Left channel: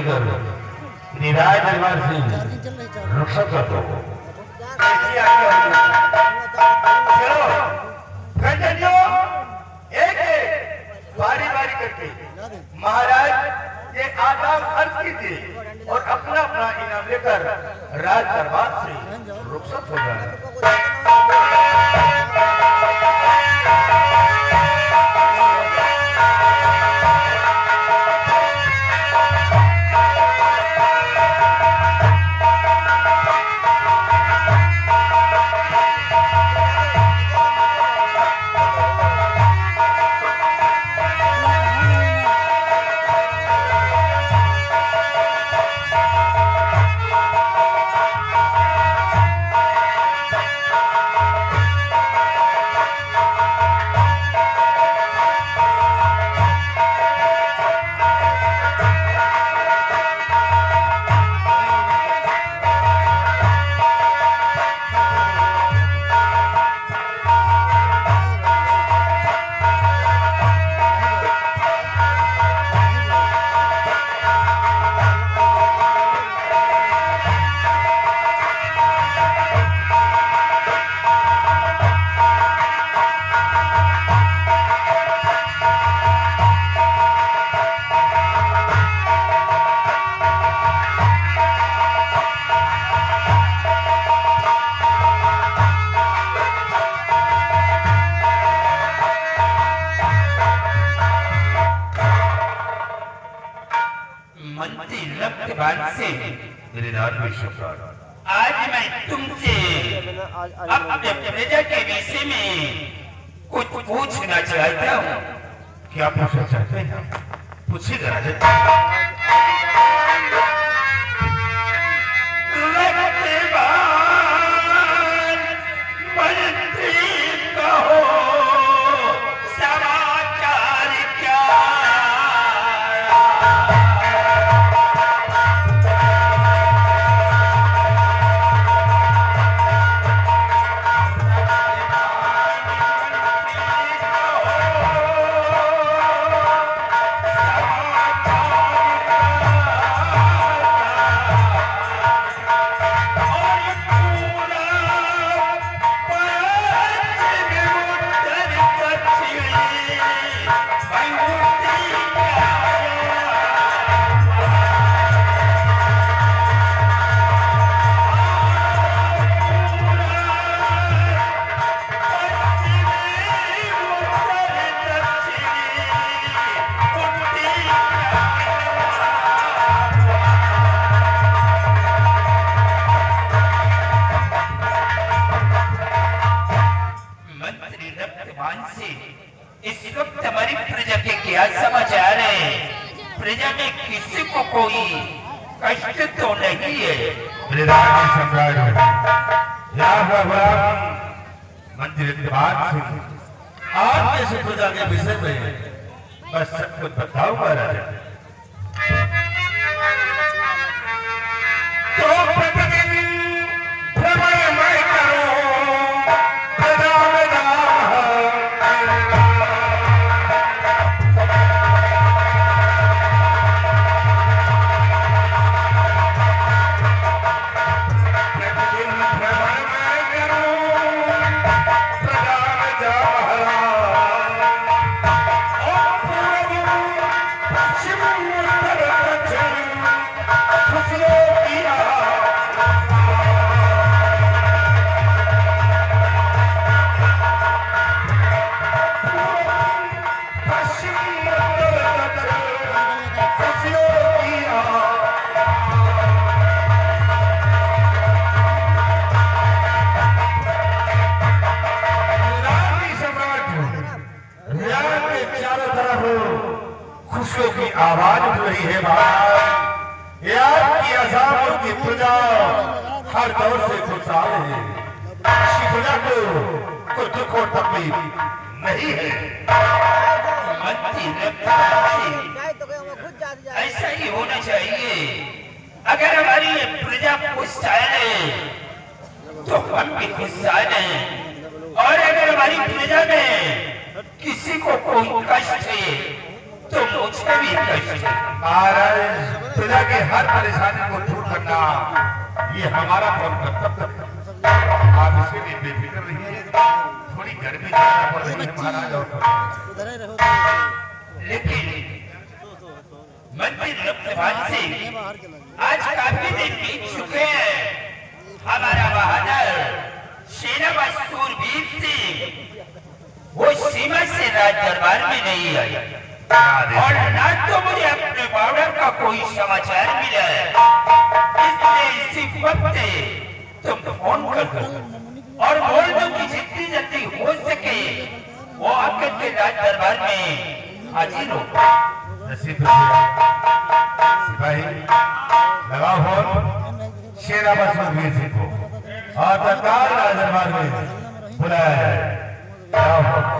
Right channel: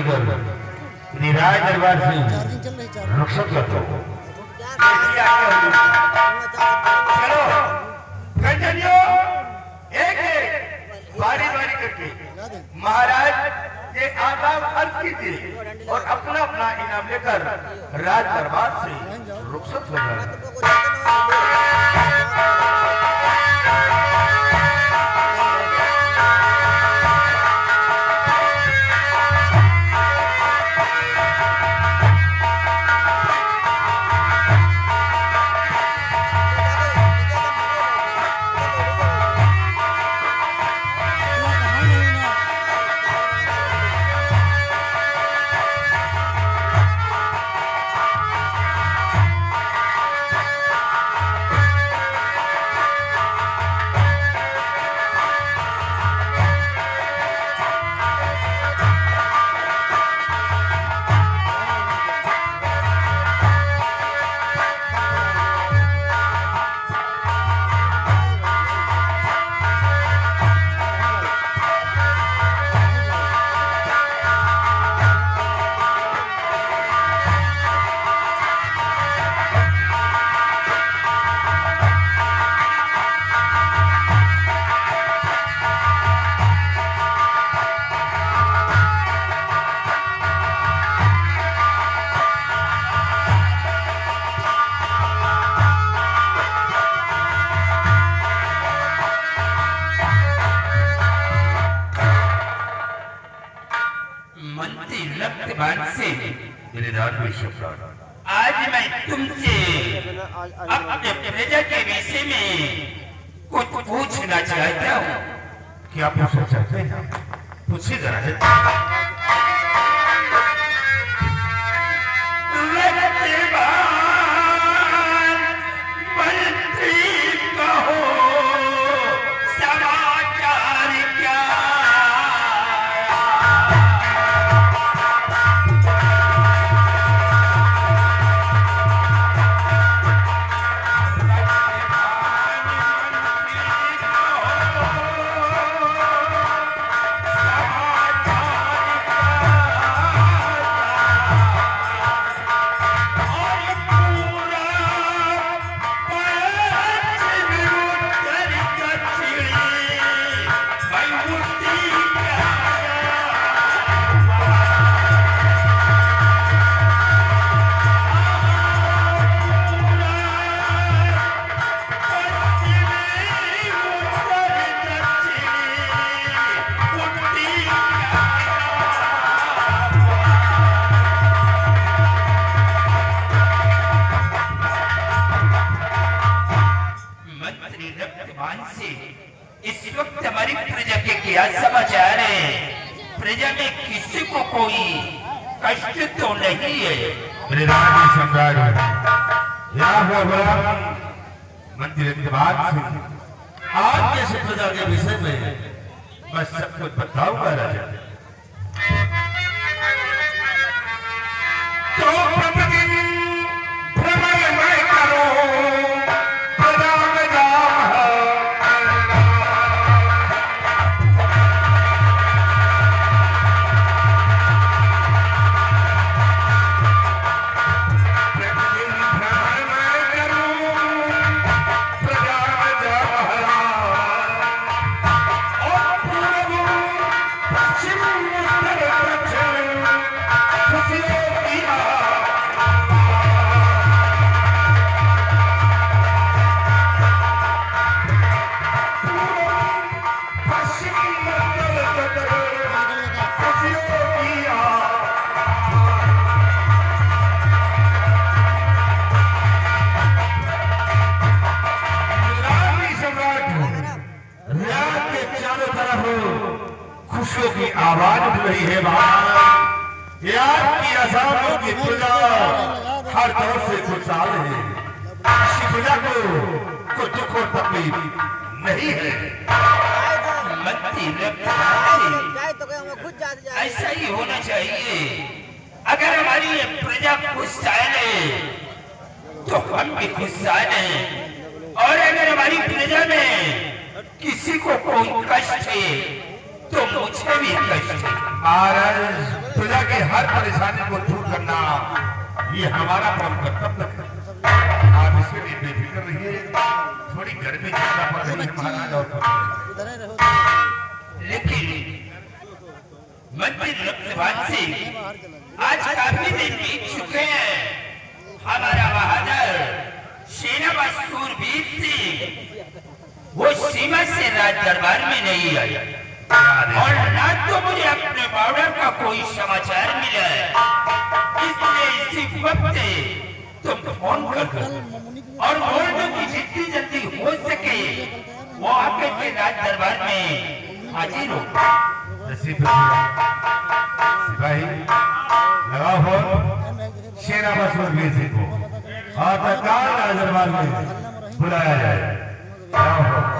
लेकर राज दरबार से रुखसत करता हूँ। चलो घंटनियों एक एक बारी बारी करके महाराज ये आदाब अर्ज कीजिए और अपना अपना इनाम लेकर राज दरबार से रुखसत हो जाए। आज मैं तुमसे अपने प्रजा के विषय में कुछ पूछना चाहता हूँ। क्या पूछना चाहते हैं? पूछिए जरा। इस वक्त हमारी प्रजा के क्या समाचार है? प्रजा में किसी को कोई कष्ट तो नहीं है? मेरे राज्य सम्राट मंत्री आज जैसे प्रजा के विषय में मैं सब कुछ बताऊंगा राजा। तो खुशियों की आवाज उठ रही है बाहर। याद की आजादों की प्रजा हर दौर से खुशहाल है। इसी प्रजा को कोई दुख और तकलीफ नहीं है। ऐसा ही होना चाहिए। अगर हमारी प्रजा खुशहाल है तो हम भी खुशहाल हैं, और अगर हमारी प्रजा में किसी को कोई कष्ट है तो मुझे भी कष्ट है। महाराज प्रजा की हर परेशानी को दूर करना ये हमारा परम कर्तव्य है। आप इसके लिए बेफिक्र रहिए। थोड़ी गर्मी ज्यादा पड़ रही है महाराज और लेकिन मंदिर लोकसभा से आज काफी दिन बीत चुके हैं। हमारा बहादुर सेनापति सूरवीर सिंह वो सीमा से राज दरबार में नहीं आया और ना तो मुझे अपने बॉर्डर का कोई समाचार मिला है। इसलिए इसी वक्त तुम फोन कर और बोल दो कि जितनी जल्दी हो सके वो आकर के राज दरबार में हाजिर हो। सिपाही लगाओ फोन सेनापति सूरवीर सिंह को और तत्काल राज दरबार में बुलाया जाए। लगाओ फोन।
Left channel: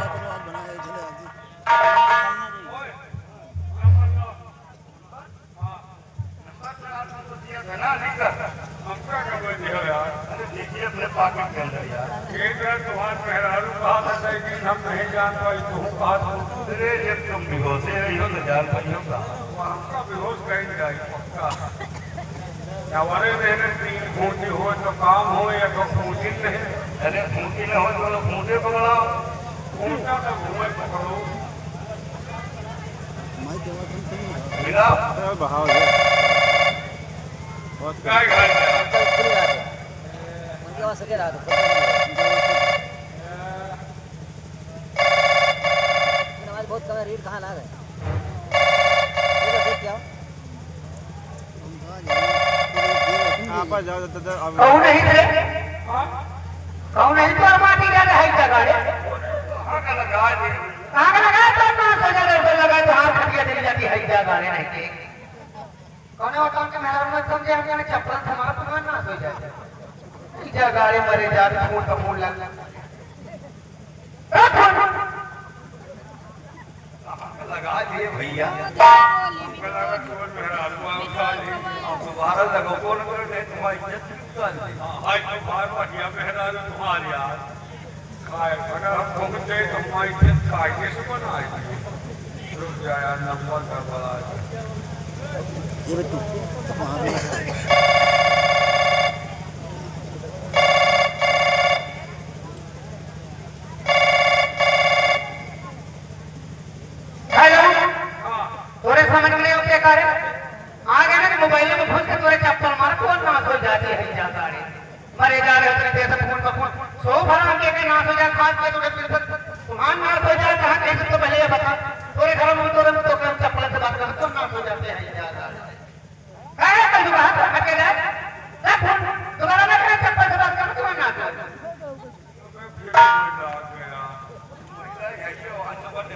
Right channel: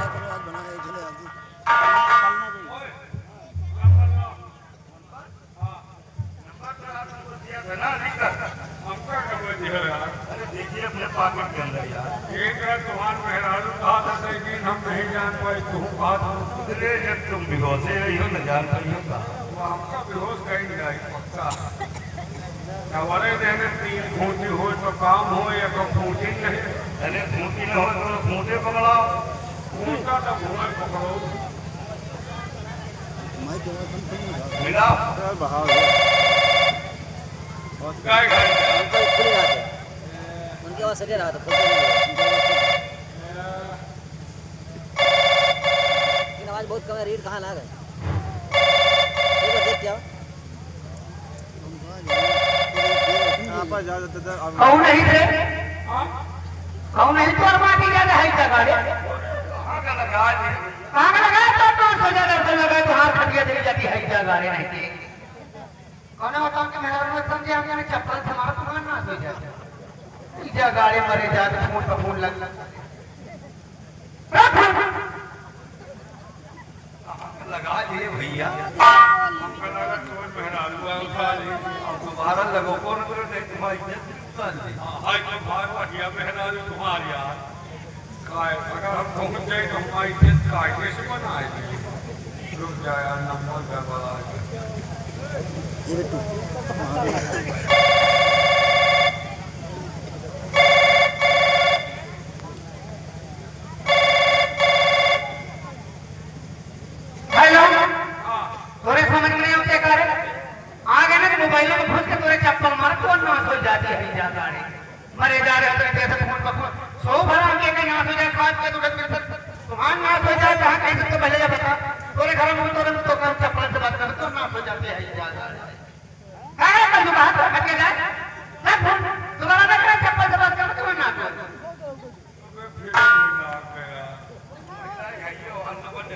अरे देखिए अपने पॉकेट के अंदर यार एक है तुम्हार मेहरारू कहा था कि हम नहीं जान पाई तू कहा अरे जब तुम बेहोशे हो तो जान पाई होगा हमका बेहोश कहीं जाए पक्का हमारे रहने तीन खूंटी हो तो काम हो या तो खूंटी नहीं। अरे खूंटी न हो तो खूंटे पकड़ाओ। खूंटा तो घूमे पकड़ो मिलाओ काय घर उनकी आवाज सजा रहा था आवाज बहुत कम है। रीड कहाँ ला गए देख क्या कौन नहीं थे कौन नहीं तो माटी जाने है क्या गाड़ी आग लगा दे आग लगाए तो सजा दर्शन लगाए तो हाथ खटिया दे जाती है क्या गाड़ी नहीं थी कौन होता उनके मेहमान में समझे हम जाने चप्पल से हमारा पुनः ना हो जाए क्या गाड़ी मरे जाते फोन पर फोन लग लगा दिए भैया हमका लगा तुम्हार मेहरारू हमका तुम्हारा लगो को नहीं तुम्हारी इज्जत उतार दी। आज तुम्हार बढ़िया मेहरारू तुम्हार यार काय अगर हम पहुंच गए तो हमारी इज्जत कायदे से बनाएगी। रुक जाया नंबर का बड़ा ये तू हेलो तोरे समझ में क्या करे आगे ना मोबाइल में घुस के तोरे चप्पल मार कौन नाश हो जाती है जा गाड़ी मरे जा रहे होते जैसे फोन पर फोन सो भरा के के नाश हो जाए खास के तोरे तुम्हारा नाश हो जाए कहाँ कहीं तो पहले बता तोरे घर में तोरे तो कर चप्पल से बात कर तो नाश हो जाते हैं जा गाड़ी है तो बात अकेला ना फोन दोबारा ना करें चप्पल से बात कर तो नाश हो जाए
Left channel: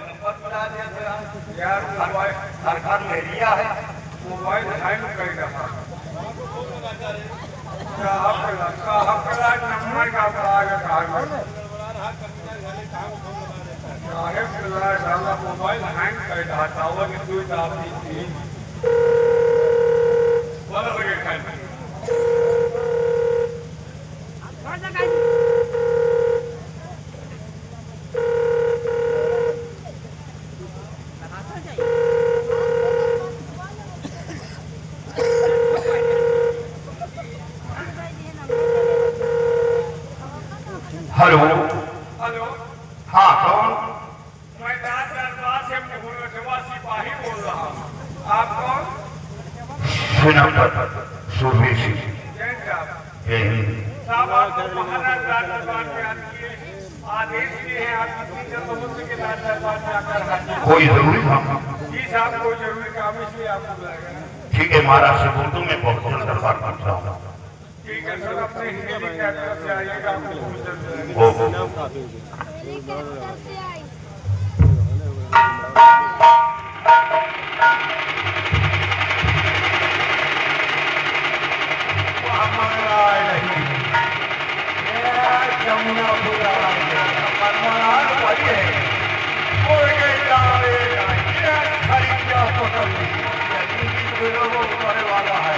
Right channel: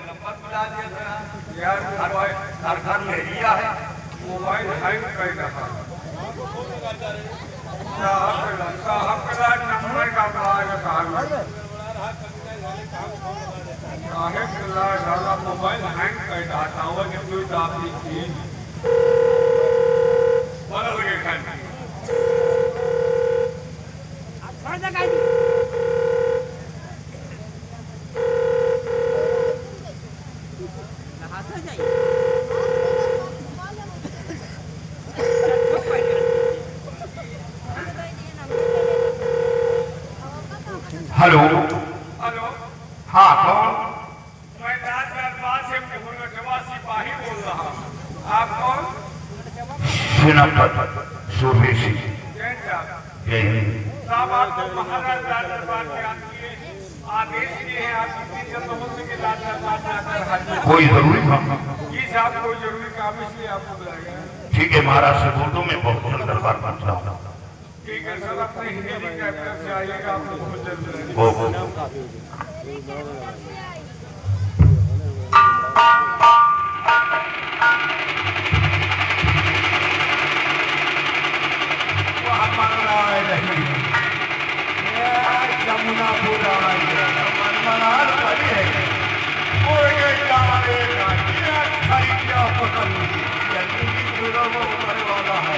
नंबर बता दिया यार हर घर में एरिया है। मोबाइल हैंग कर रहा साहब का नंबर का बड़ा साहब साहब मोबाइल हैंग कर रहा था वो कि तू आप थी बोलो ये खाली हेलो हेलो हाँ कौन मैं रात दरबार से मुहल्ला सिपाही बोल रहा हूँ। आप कौन? सेनापति सूरवीर सिंह जैन साहब यही साहब आपको महाराज राज दरबार के आदेश दिए हैं आप जन्मभूमि के राज दरबार में आकर हाजिर कोई जरूरी काम जी साहब कोई जरूरी काम इसलिए आपको बुलाया। ठीक है महाराज से बोल दूं मैं बहुत जल्द दरबार पहुंच रहा हूँ। ठीक है सर अपने हेलीकॉप्टर से आइएगा आपको बहुत जल्द ओ जमुना पूरा वाला है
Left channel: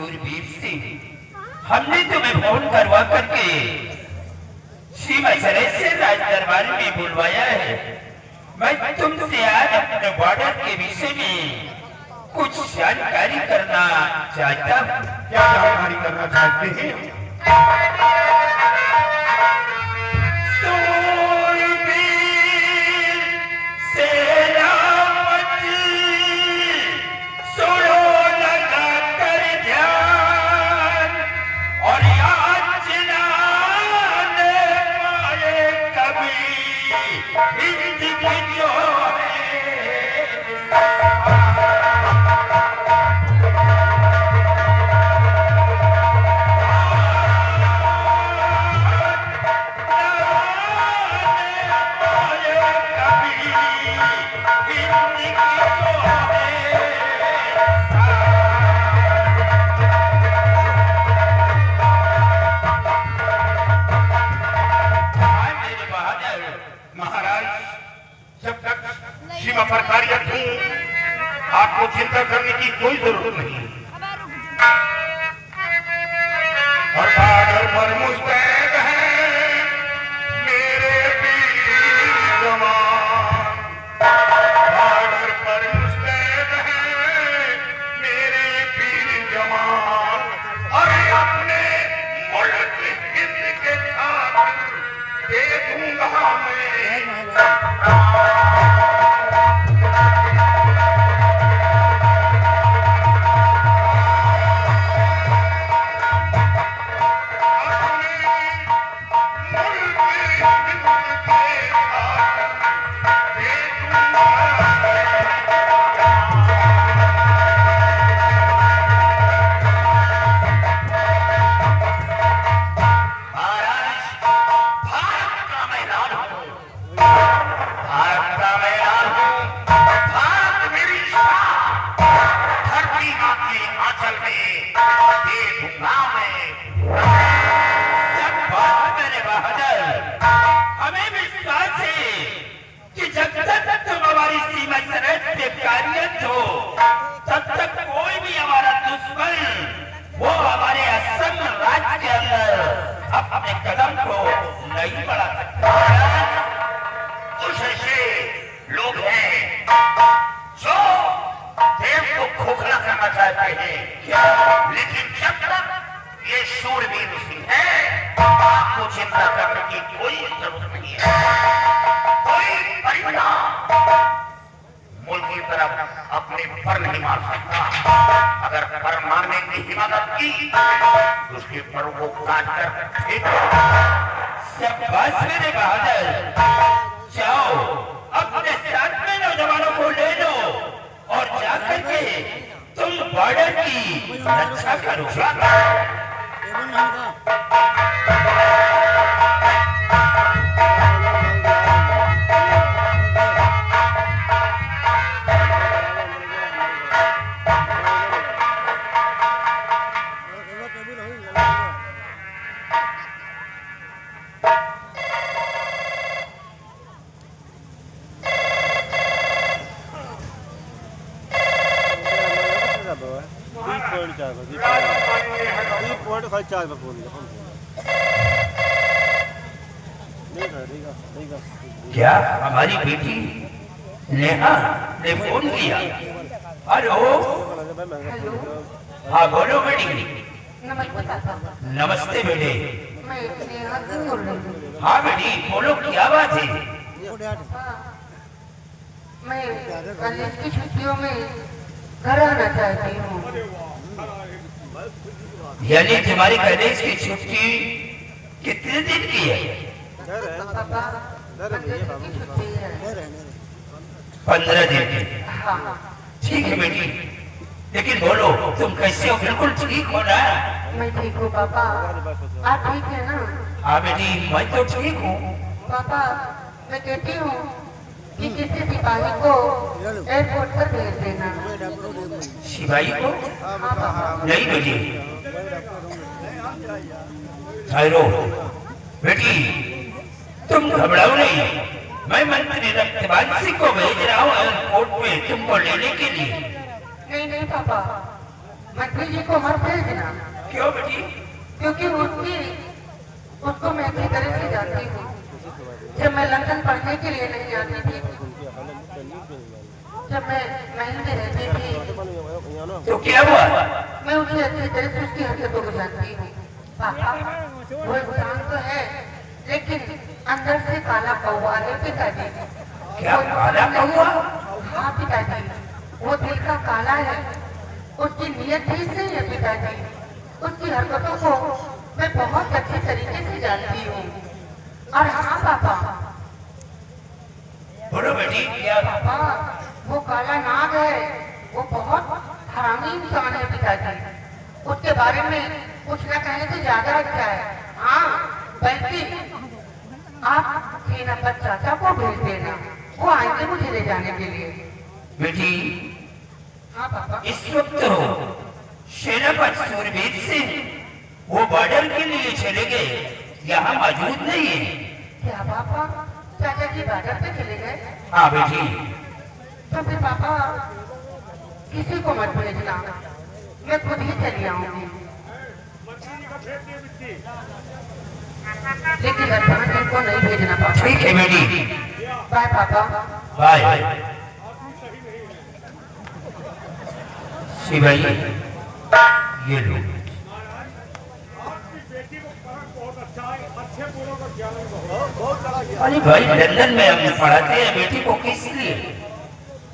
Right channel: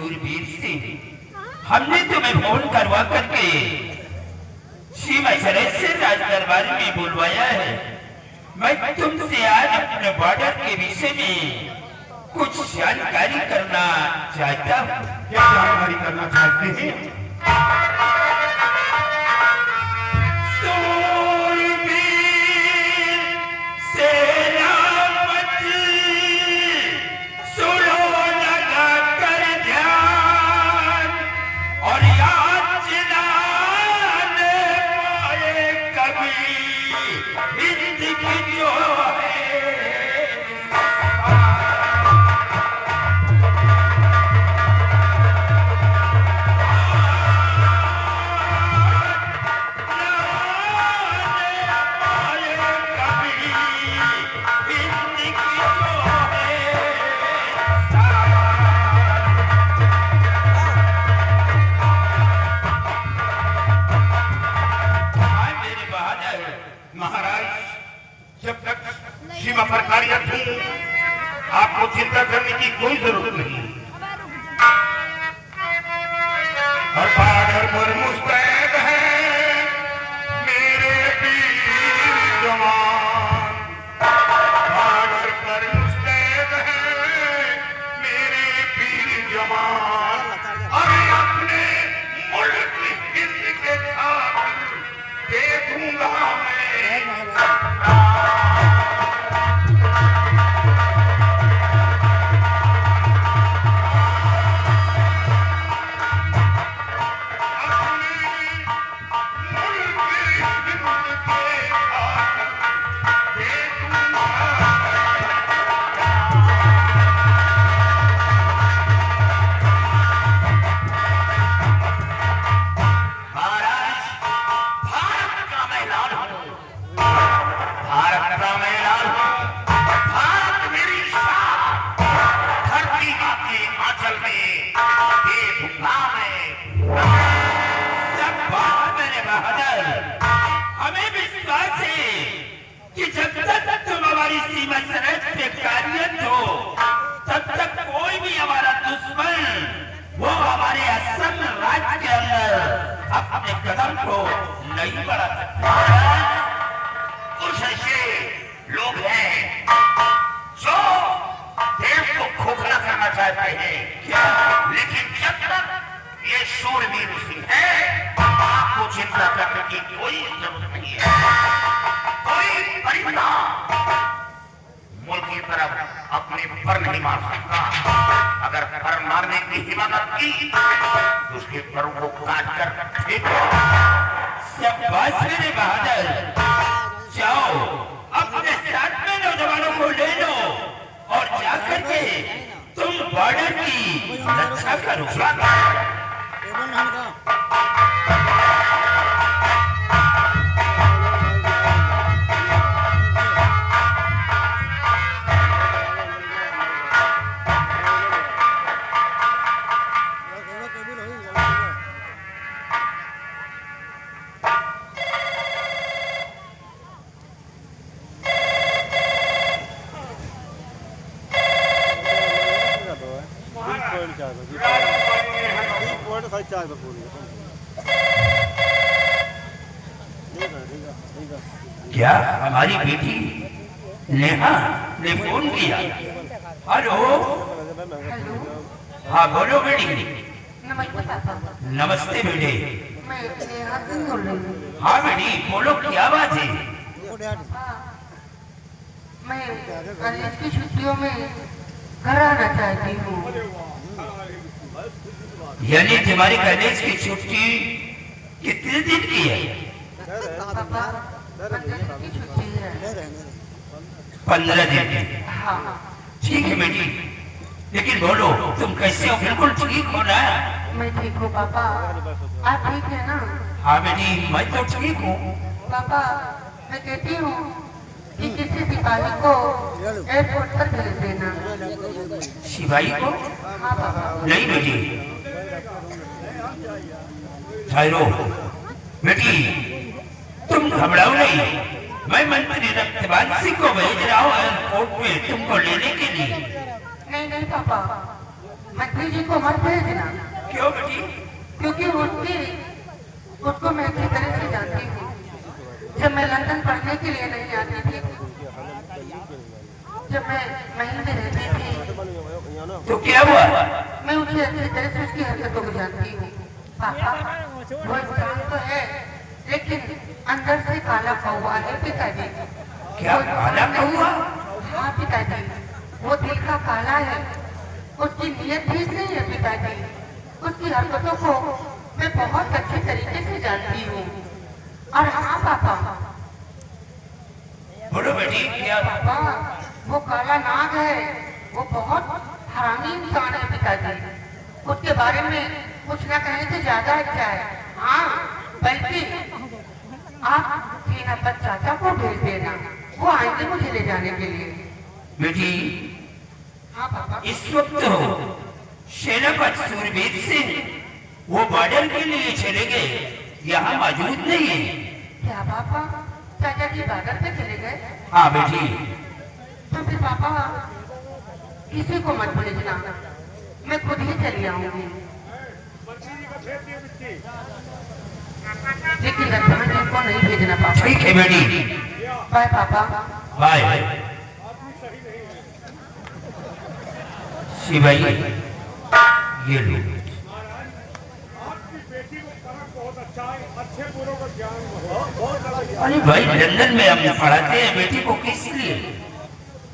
सूरवीर सिंह, हमने तुम्हें फोन करवा करके सीमा सराय से राज दरबार में बुलवाया है। मैं तुमसे आज अपने बॉर्डर के विषय में कुछ जानकारी करना चाहता हूँ। क्या जानकारी करना चाहते हैं? सीमा पर कार्यरत हूँ, आपको चिंता करने की कोई जरूरत नहीं। और बॉर्डर पर मुस्तैद है मेरे वीर जवान, बॉर्डर पर मुस्तैद है मेरे वीर जवान। और अपने मुल्क हिंद के खातिर दे दूंगा मैं। तब तक कोई भी हमारा दुश्मन वो हमारे असम राज्य के अंदर अपने कदम को नहीं बढ़ा सकता। कुछ ऐसे लोग हैं जो देश को खोखला करना चाहते हैं क्या, लेकिन जब तक ये शूरवीर सिंह है आपको चिंता करने की कोई जरूरत नहीं है। कोई परिवार मुल्क की तरफ अपने पर नहीं मार सकता। अगर पर मारने की हिम्मत की तो उसके परों को काट कर फेंक दो। शाबाश मेरे बहादुर, जाओ अपने साथ में नौजवानों को ले लो और जाकर के तुम बॉर्डर की रक्षा करो। क्या हमारी बेटी नेहा ने फोन किया? हेलो, हाँ बोलो बेटी। नमस्ते पापा। नमस्ते बेटे। मैं नेहा सिंह बोल रही हूँ। हाँ बेटी बोलो, क्या बात है? मैं कॉलेज की छुट्टियों में घर आना चाहती हूँ। यानी तुम्हारी कॉलेज की छुट्टी कितने दिन की है? पापा 15 दिन की छुट्टी है। 15 दिन की। हाँ। ठीक है बेटी, लेकिन बोलो तुम कैसे हो? बिल्कुल ठीक हो ना? मैं ठीक हूँ पापा, आप ठीक है ना? हाँ बेटी मैं तो ठीक हूँ। पापा मैं कहती हूँ कि किसी सिपाही को एयरपोर्ट पर भेज देना। सिपाही को? हाँ पापा। नहीं बेटी, ठहरो बेटी, तुम घबराओ नहीं। मैं मंत्री रक्तवान सिंह को भेज रहा हूँ एयरपोर्ट में तुमको लेने के लिए। नहीं नहीं पापा, मंत्री जी को मत भेजना, क्यों बेटी? क्योंकि उसको मैं अच्छी तरह से जानती हूँ। जब मैं लंदन पढ़ने के लिए नहीं आती थी, जब मैं महल में रहती थी, तो क्या हुआ? मैं उसे अच्छी तरह से उसकी हरकतों को जानती हूँ। पापा, वो इंसान तो है, लेकिन अंदर से काला कौवा है पिताजी। क्या काला कौवा? हाँ पिताजी, वो दिल का काला है, उसकी नीयत ठीक नहीं है पिताजी। उसकी हरकतों को मैं बहुत अच्छी तरीके से जानती हूँ। और हाँ पापा, बोलो बेटी, क्या? पापा वो काला नाग है, वो बहुत हरामी इंसान है पिताजी। उसके बारे में कुछ न कहने से ज्यादा अच्छा है। हाँ, बल्कि आप सेनापति चाचा को भेज देना, वो आएंगे मुझे ले जाने के लिए। बेटी, हाँ पापा। इस वक्त सेनापति सूरवीर सिंह वो बॉर्डर के लिए चले गए, यहाँ मौजूद नहीं है। क्या पापा, चाचा जी बाजार पे चले गए? हाँ बेटी। तो फिर पापा किसी को मत भेजना, मैं खुद ही चली आऊंगी। लेकिन रतन जी को नहीं भेजना पापा। ठीक है बेटी। बाय पापा। बाय। शिवाई, ये लो। अरे भाई, लंदन में हम पढ़ाते हैं बेटी को, किस लिए?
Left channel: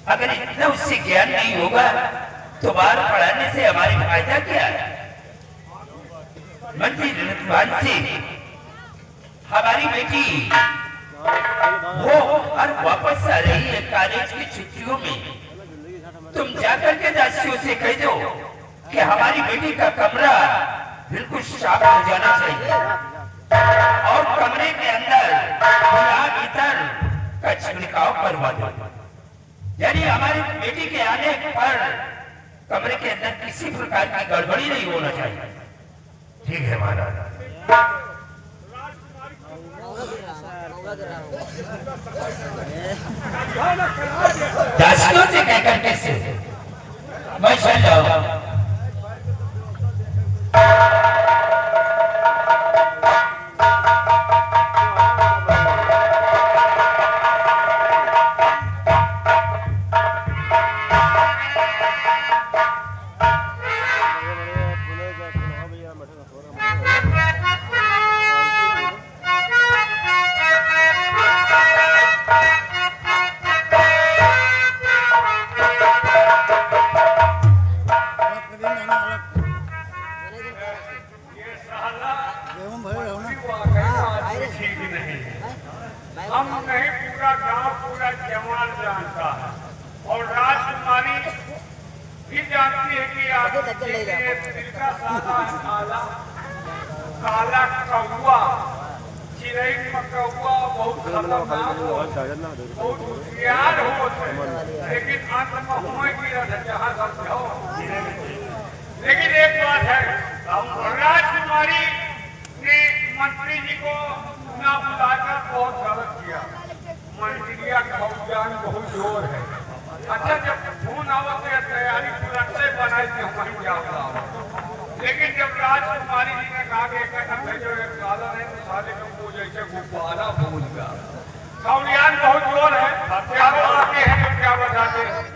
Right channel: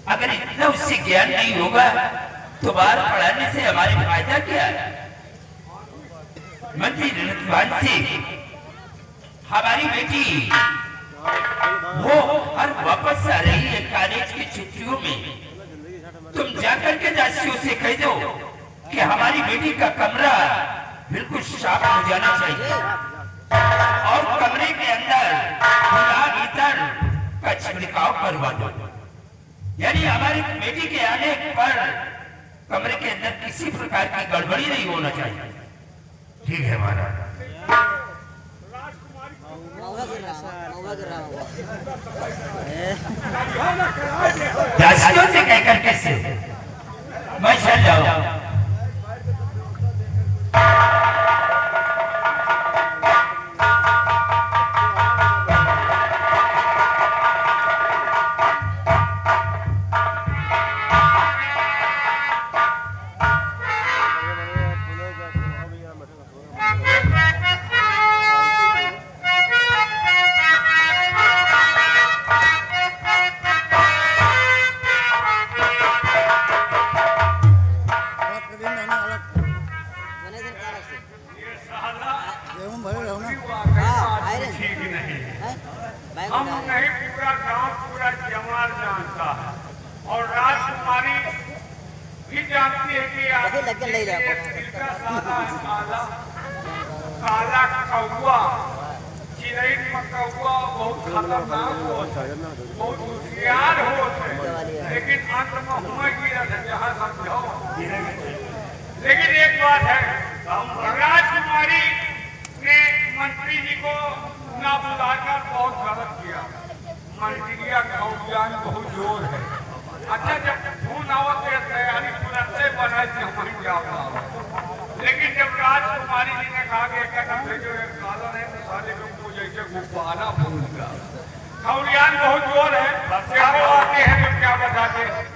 अगर इतना उससे ज्ञान नहीं होगा तो बाहर पढ़ाने से हमारे फायदा क्या है? मंत्री रतवान सिंह, हमारी बेटी वो और वापस आ रही है कॉलेज की छुट्टियों में। तुम जाकर के दासियों से कह दो कि हमारी बेटी का कमरा बिल्कुल साफ हो जाना चाहिए और कमरे के अंदर खुला भीतर का छिड़काव करवा दो। यानी हमारी बेटी के आने पर कमरे के अंदर किसी प्रकार की गड़बड़ी नहीं होना चाहिए। ठीक है महाराज। दासियों से कहकर कैसे मैं चल जाऊं? ठीक नहीं, हम नहीं, पूरा गांव पूरा जवान जानता है और राजकुमारी भी जानती है कि दिल का सादा काला काला कौवा, चिड़ै कौवा बहुत खतरनाक हो, बहुत होशियार होते, लेकिन अंत में हुए की जहाँ समझो। लेकिन एक बात है, राजकुमारी ने मंत्री जी को ना बुलाकर बहुत गलत किया। मंत्रिया खौजान बहुत जोर है। अच्छा, जब फोन आवत है तैयारी तुरंत से बनाई थी वहीं जाता, लेकिन जब राजकुमारी जी ने कहा कि एक भेजो, एक साला है साले को जैसे गुब्बारा फूल का खौजान बहुत जोर है। क्या बताते हैं, क्या बताते हैं?